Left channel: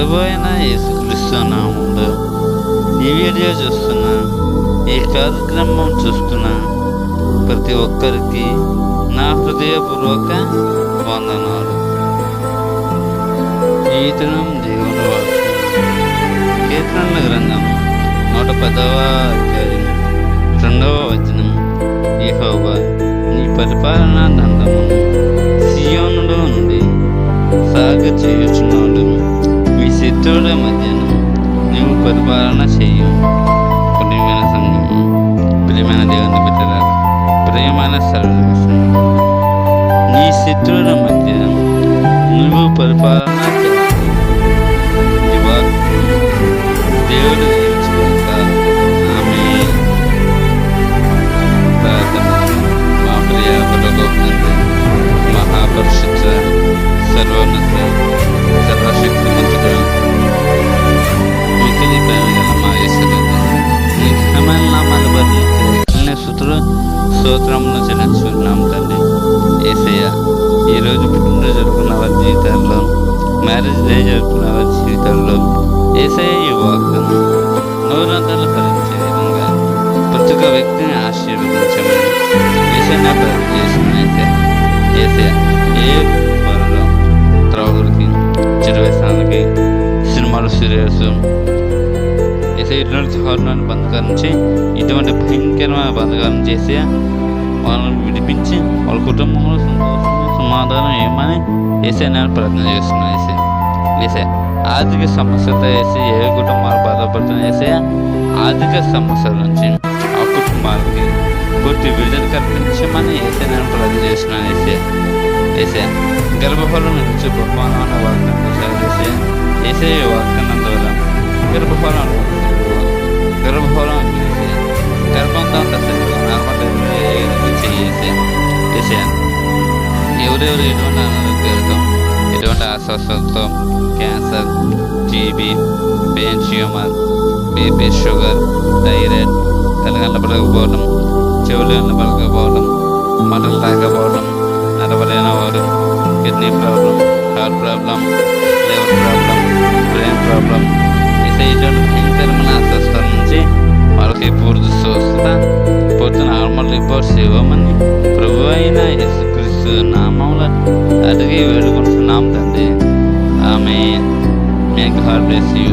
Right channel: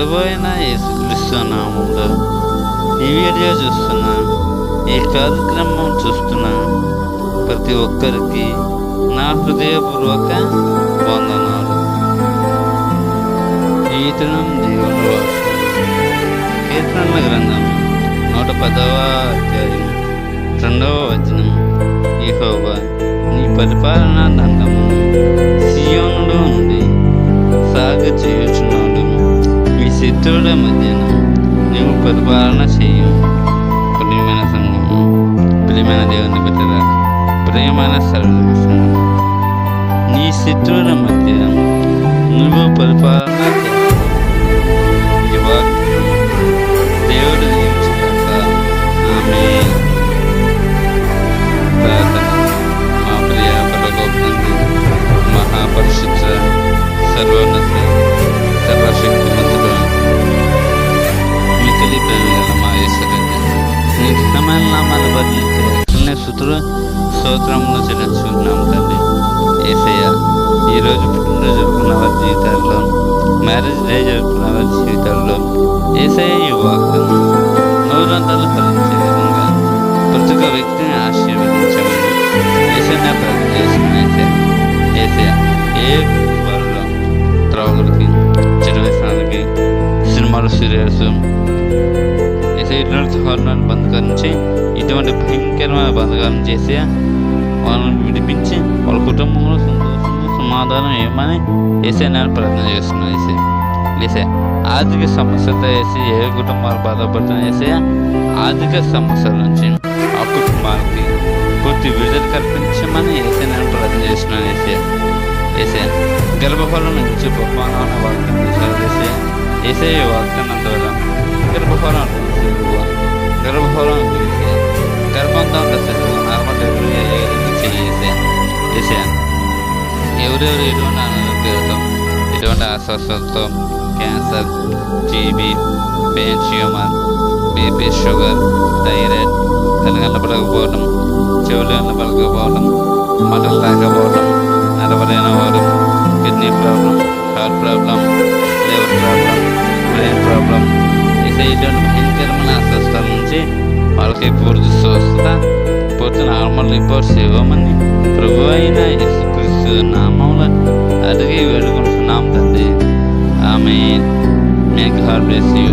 ప్రభు అయిన యేసుక్రీస్తు నామములో ఈ వీడియో చూస్తున్న, ఈ కార్యక్రమం చూస్తున్న ప్రతి ఒక్కరికి నా హృదయపూర్వక వందనాలు. ఈ దినం దేవుని వాక్యం కీర్తనల గ్రంథం 110వ అధ్యాయం 2వ వచనం. యెహోవా నీ పరిపాలనా దండమును సియోనులో నుండి సాగు చేయుచున్నాడు. మీ శత్రువుల మధ్యన నీవు పరిపాలన చేయు. ప్రియమైన సంఘము, ప్రియమైన దేవుని బిడ్డలారా, ప్రియమైన సర్వజన సంఘము, నీ శత్రువుల మధ్య నువ్వు పరిపాలన చేస్తావు. ఈ వాక్యం దేవుడు దీవించుగాక. ఆమేన్. ప్రార్థన. మా ప్రియ పరలోక తండ్రి, మహాపరిశుద్ధ సర్వోన్నత సర్వశక్తిమంతుడు, మికిలి ప్రేమ గల మా యేసురాజా, నీ ఘనమైన నామాలు బదిలించే స్తుతులు స్తోత్రములు చెల్లించుకుంటున్నాం తండ్రి. యేసయ్య, ఈరోజు పుట్టినరోజు జరుపుకున్న వారి జీవితాల్లో, మ్యారేజ్ డే జరుపుకున్న వారి జీవితాల్లో యేసయ్య ఈ వాక్యం నూరంతలు ఫలించే విధంగా ప్రతి ఒక్క వ్యక్తిని ఆశీర్వదించమని యేసయ్య ప్రార్థన చేస్తున్నాను. యేసయ్య ఏ పనులు త్రాగుడికి, చెడు వ్యసనాలకి, సినిమాలు, సీరియల్స్, ఇటువంటి దారుణాన్ని బంధకాల నుంచి, ఇటువంటి భయంకరమైన బంధకాల నుంచి వాళ్ళని విడిపించి వాళ్ళ కుటుంబంలో సంతోషము సమాధానం ఏమని నేను ప్రార్థన చేస్తున్నాను. వేసే ఆర్థిక సమస్యలతో ఏ కుటుంబాలు బాధపడుతున్నాయి, ఆర్థిక సమస్యల నుంచి ఆ కుటుంబాలకి పూర్తి విడుదల కల్పించమని నేను ప్రార్థన చేస్తున్నాను. వేసే గర్భఫలం నుంచి బహుమానం వాగ్దానం చేశారు. వేసే వాగ్దానం ద్వారా గర్భఫలం వేసే గర్భంతో నార్మల్ డెలివరీ చేసే ఎవరెవరు ఎటువంటి అనారోగ్యాలతో, ఎటువంటి అస్వస్థతతో, cancer, TB, pain tumour, BP, sugar, thyroid, కలగండ్ల పడకపోవడం, చెవులు పడకపోవడం, మటలు రాకపోవడం, నడవలేనివారు, kidney problem, heart problem, liver problem, brain problem, ఇటువంటి భయంకరమైన అస్వస్థత నుంచి వాళ్ళకి పూర్తి స్వస్థత, పూర్తి నార్మల్ రిపోర్ట్స్ ఇవ్వమని ప్రభు అయిన యేసుక్రీస్తు నామములో అడిగి వేడుకుంటున్నాం తండ్రి. Amen. May God bless you.